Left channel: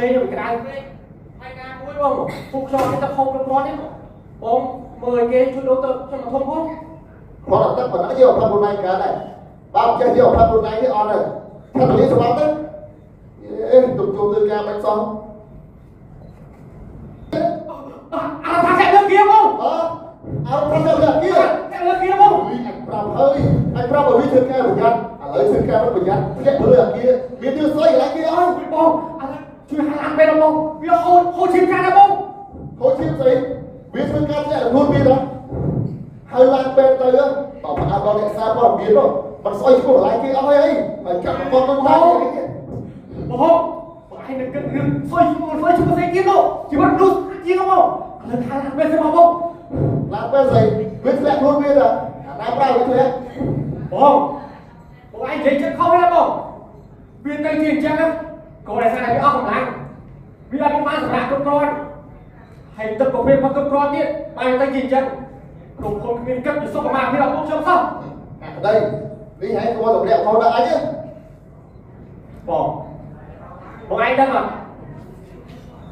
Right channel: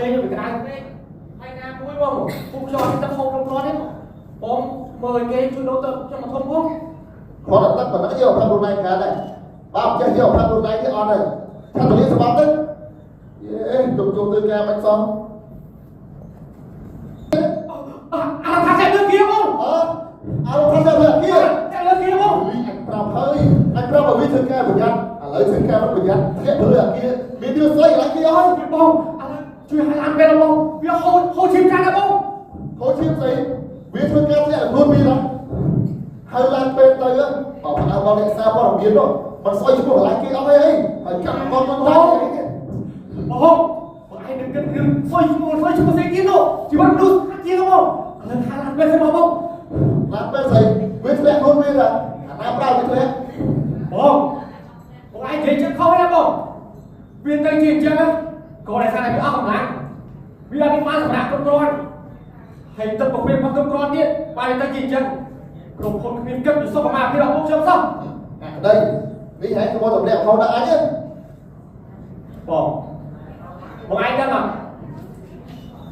មេយកក្រៅពេកហើយណាមួយបងពួកខ្ញុំគេទៅហូបក្នុងគ្រាន់ទេបងមើលគេជួយដល់ទៅខ្ញុំមកធំផងគាត់តែប៉ុណ្ណឹងយកប្រាប់ខ្លួនឯងកើតដែរបើចេះយកប្រាប់ខ្លួនឯងនេះអត់ទេថាទៅរៀនស្បត់ទេអេទុំជុំទៅការបាច់សោះអាថាគេលើកkiaបងเอาทำแบบนี้គេលើកkiaបងปรับเฮ้ยไอ้ปรับวิธีการประหยัดอะไรวิธีการประหยัดแค่เพื่อกี้มีเดือดใส่อะไรกี้เอาបងอะไรជួយให้ล้างเป็นបងវាហូរឈាមចាស់ណាបងហូរឈាមស្អីវាធ្វើការតែខ្លួនពីណាហើយឡើងពេលទៅបើផ្អើលដល់អ្នកសាព័ត៌មាននោះមិនស្អុយឈ្មោះកន្លែងគេអស់ហើយហើយកាត់គាត់ទៅដល់បងឯងនឹងគិតរឿងស្អុយឈ្មោះស្អីទៀតនោះជីវិតនោះជាងបងឥឡូវថាឡើងពេលស្មោះបងឡើងពេលស្អីវាធ្លាក់ខ្លួនវាណាអាណាប្រើវាធ្លាក់បងឯងនិយាយចិត្តខុសហើយបងវាទៅជាអញ្ចឹងក៏ដែលសារតែវាអស់កម្លាំងវាឡើងបានសម្រាប់គ្រប់គ្រាន់ហើយទឹកប្រភេទមកគ្រប់គ្រាន់ទៀតបែរទៅជាអញ្ចឹងក្រុមហ៊ុនគ្មានគិតពីសុខភាពរបស់ពួកខ្ញុំសោះđâyនេះហែងគាត់តម្លាក់ផងដល់អញបងឯងដឹងអត់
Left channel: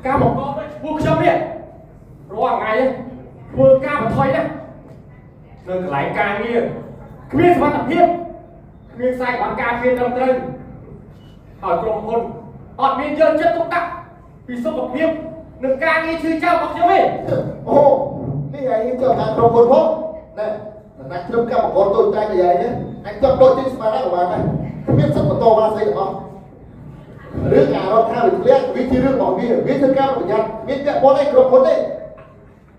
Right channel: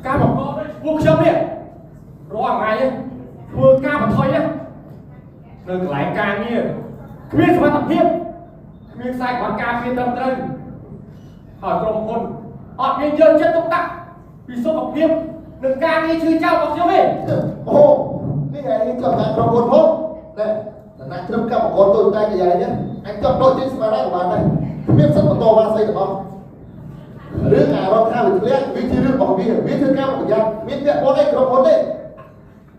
ការបង្កប់ពួកខ្ញុំនេះរាល់ថ្ងៃធ្វើការបន្ថយណានៅកន្លែងការងារគ្មានសុវត្ថិភាពគ្មានខ្សែបានការងារត្រឹមត្រូវហើយក្រុមហ៊ុនអត់មានយកចិត្តទុកដាក់ពីសុខភាពនិងការងារជឿចោលរបស់ខ្ញុំទេអូនេះហែងចូលខាងក្រុមហ៊ុនផងណែណាក្រុមកម្មករតូចតាចយ៉ាងនេះអញចាប់ដូចទីស្មារតីរបស់ដែរគ្មានសិទ្ធិបន្តបានស្អីទាំងអស់រឿងអារម្មណ៍ថាវាធ្លាក់វាជារឿងរបស់វាធ្វើការប្រយ័ត្នមានពាក់ព័ន្ធអីក្រុមហ៊ុនទេ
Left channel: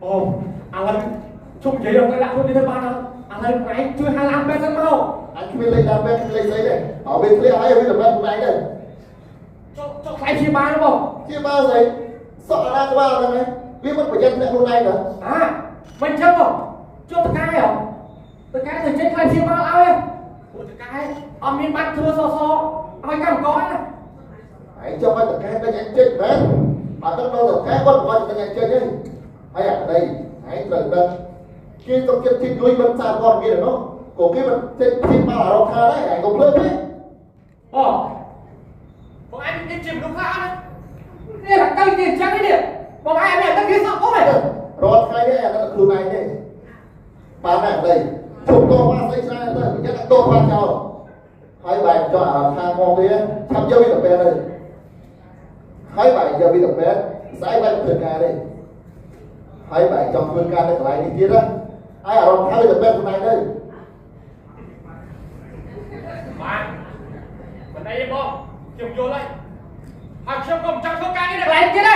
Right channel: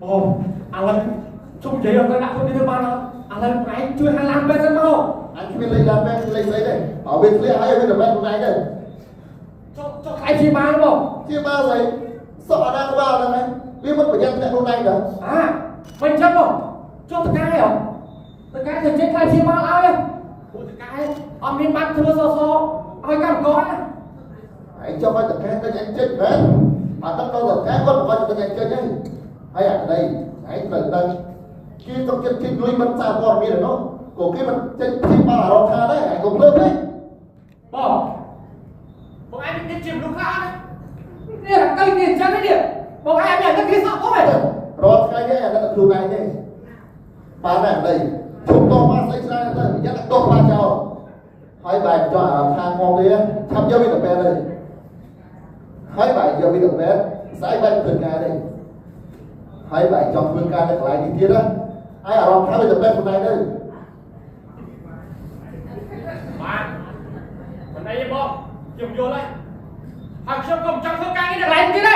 អូឥឡូវជុំនិយាយដល់ដាក់ជុំនេះទៅបានអត់ឥឡូវឯងជួយហៅឡើងពេលសិនមកអញគ្មានលេខឡើងពេលលេខស្អីទេអើវាធ្លាក់ហើយវាតម្លៃខ្លួនឯងទេចុះខ្លាយជាបានបងជាបានស្អីសក់អាណាក្បាលហ្នឹងវាមិនប្រយ័ត្នតែខ្លួនឯងទេមិនចឹងបងចុះតកែហ៎តកែទៅចេញខ្លាយជាបានឲ្យពួកតកែអត់មានបាច់ធ្វើសសឲ្យកម្មករណាឯងចុះឲ្យតកែទៅអញចេញមែនបើតើទៅតកែគាត់គាត់ទៅអញចេញទេហើយអានេះឯងត្រូវដឹងគេទុកចិត្តទីលុយមិនសារព័ត៌មានទេនោះក៏គេមិនចេញទីបានអារម្មណ៍ថាដែរឯងក៏ភ្លើតទេបងឯងនេះជាមនុស្សខ្លះណានេះlà cây tiềnចឹងនេះបងឯងនេះគេសក់អស់ហើយរាល់ថ្ងៃនេះអានេះខ្លួនឯងទេបានណាស់នេះជុំតបានស្អីច្រើនទៅប្រយ័ត្នតបានចោលហើយបែរចោលអារម្មណ៍ថាងងវាឆាប់យកវាទៅពេទ្យទៅហើយបែរយកវាទៅពេទ្យស្អីបែរធ្វើការទេហើយបែរចង់ធ្វើការនៅកន្លែងនេះទៀតណាហើយអារម្មណ៍ថាវាទៅពេទ្យខ្លួនឯងទៅបានមិនអីទេបងខ្ញុំយល់ហើយហើយខ្ញុំក៏មិនចង់ធ្វើការនេះនៅកន្លែងទៀតទេ